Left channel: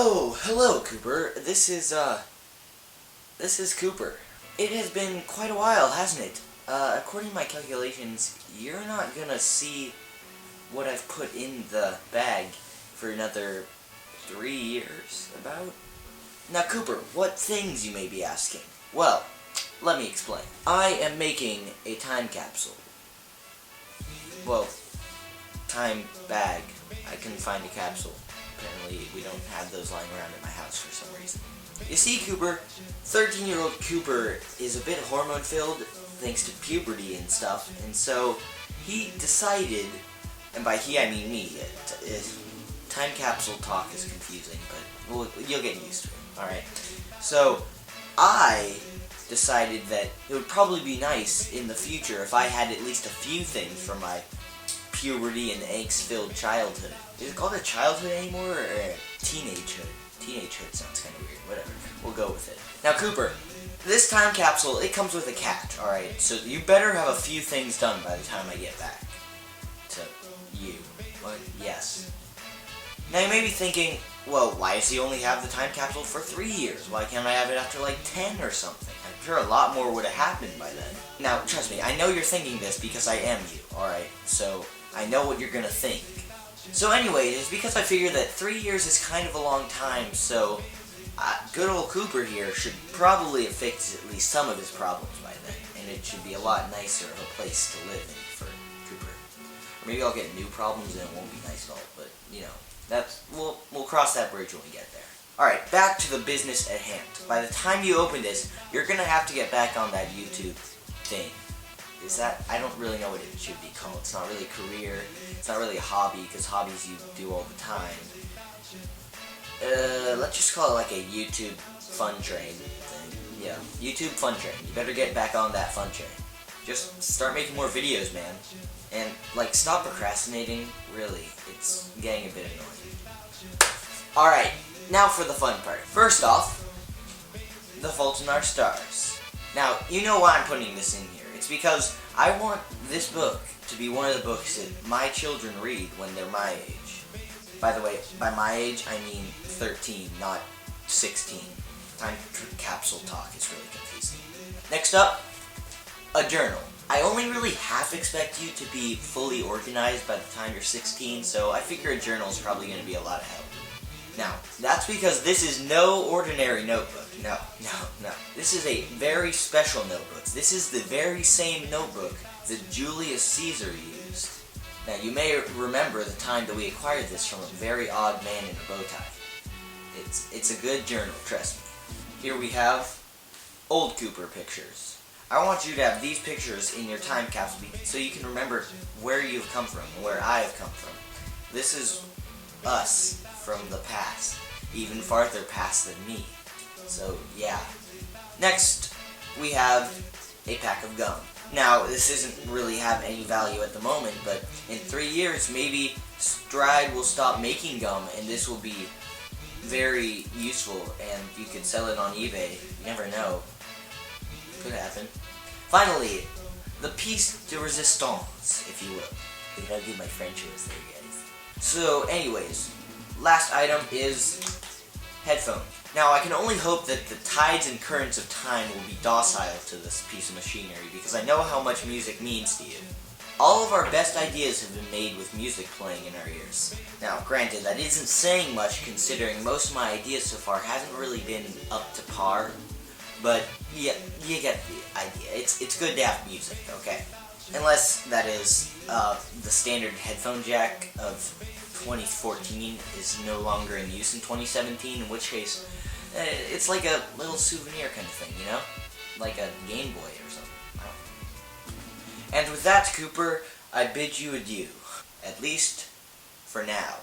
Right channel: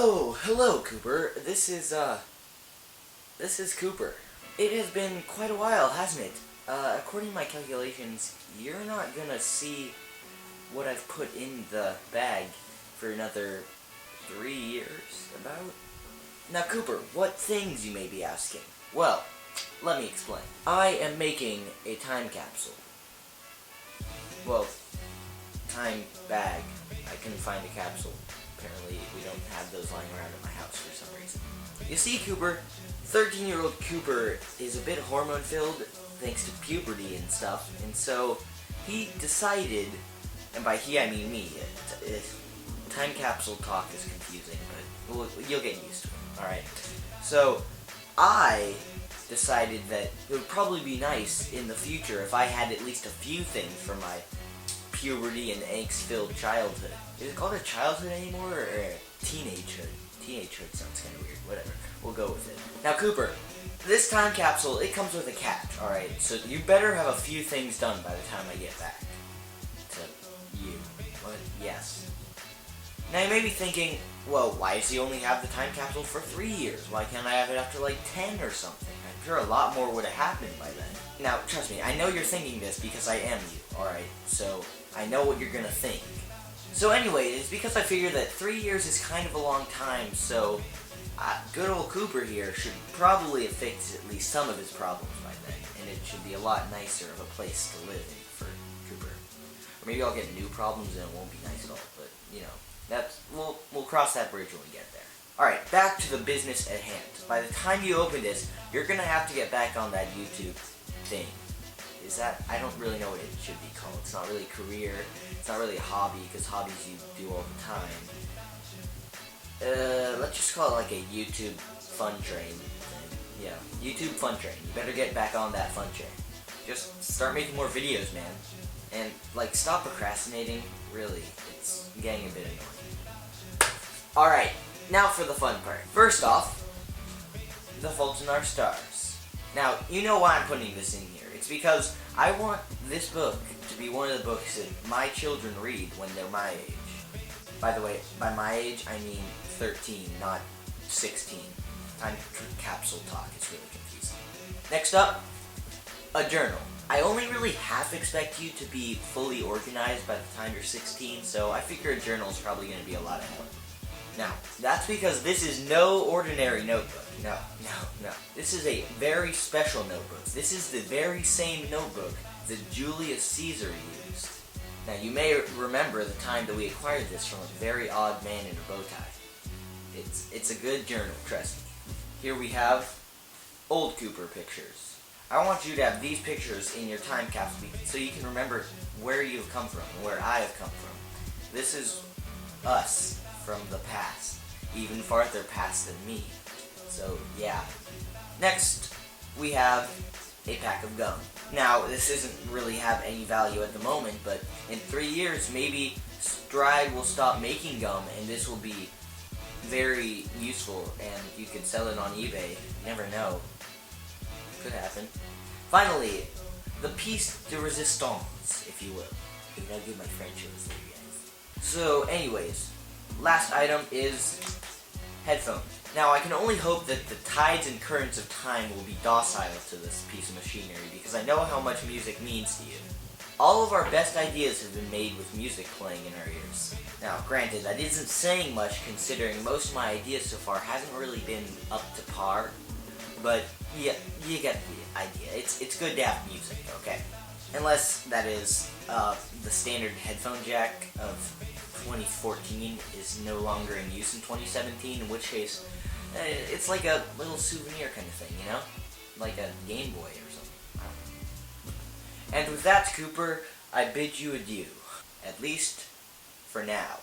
Oh, hello, Cooper. This is Cooper. It has been quite a while, hasn't it? According to my calculations, you're not gonna see what I've put in the bag for another 3 years, about? Now, Cooper, what things you may be asking? Well, let me explain. I am making a time capsule. Well, time bag. I couldn't find a capsule. Apparently, we don't have those lying around in my house for some reason. You see, Cooper, 13-year-old Cooper is a bit hormone-filled thanks to puberty and stuff, and so he decided, and by he I mean me, time capsule talk is confusing, but you'll get used to it, alright? So, I decided that it would probably be nice in the future if I had at least a few things from my puberty and angst-filled childhood. Is it called a childhood anymore, or a teenagehood? Teenagehood sounds kind of weird. Whatever. We'll go with it. Now, Cooper, this time capsule, it comes with a catch, alright? So you better have a few things done by the time I get back. To you. What? Yes. Now, you may be thinking, well, why does he only have the time capsule for 3 years? Why can't I have it after, like, 10 or something? I'm sure a lot more would have happened by then. Now, trust me, I know you're thinking this because I am you, alright? So, I know what you're gonna think. So anyway, it's because I figure that 3 years is kind of a long time, so good old Cooper here should probably have fixed at least some of his problems by then, and it should be a lot nicer of a place to live in for Cooper. Or maybe I'll get new problems and it won't be nice at all, but, you know, we'll cross that bridge when we get there. Alright, back to the business at hand. By the time you open this, you're gonna have to get back on that YouTube thing. Is that, I don't really know what it should be called. It's not really a career, it's not really a hobby, because hobbies you do all the time. Let's just call it like a YouTube fun train thing. Yeah, YouTube fun train. You better get back on that fun train. Just start making more videos, man. And, like, stop procrastinating, really. It's getting a bit annoying. Alright, now for the fun part. First off, The Fault in Our Stars. Now, you know why I'm putting this in here. It's because I want this book to be one of the books that my children read when they're my age. By the way, by my age, I mean 13, not 16. Time capsule talk is really confusing. Next up, a journal. I only really half expect you to be fully organized by the time you're 16, so I figure a journal is probably going to be a lot of help. Now, that's because this is no ordinary notebook. No. This is a very special notebook. This is the very same notebook that Julius Caesar used. Now, you may remember the time that we acquired this from a very odd man in a bow tie. It's a good journal, trust me. Here we have old Cooper pictures. I want you to have these pictures in your time capsule so you can remember where you've come from and where I have come from. This is us from the past, even farther past than me. So, yeah. Next, we have a pack of gum. Now, this doesn't really have any value at the moment, but in 3 years, maybe Stride will stop making gum, and this will be very useful, and you could sell it on eBay. You never know. Could happen. Finally, the piece de resistance, if you will. I gotta do my French words there, guys. So, anyways, last item is headphones. Now, I can only hope that the tides and currents of time will be docile to this piece of machinery, because I know how much music means to you. All of our best ideas have been made with music playing in our ears. Now, granted, that isn't saying much considering most of my ideas so far haven't really been up to par, but yeah, you get the idea. It's good to have music, okay? Unless, that is, the standard headphone jack of 2014 is no longer in use in 2017, in which case, it's like a little souvenir kind of thing, you know? Like a Game Boy or something. I don't know. And with that, Cooper, I bid you adieu. At least, for now.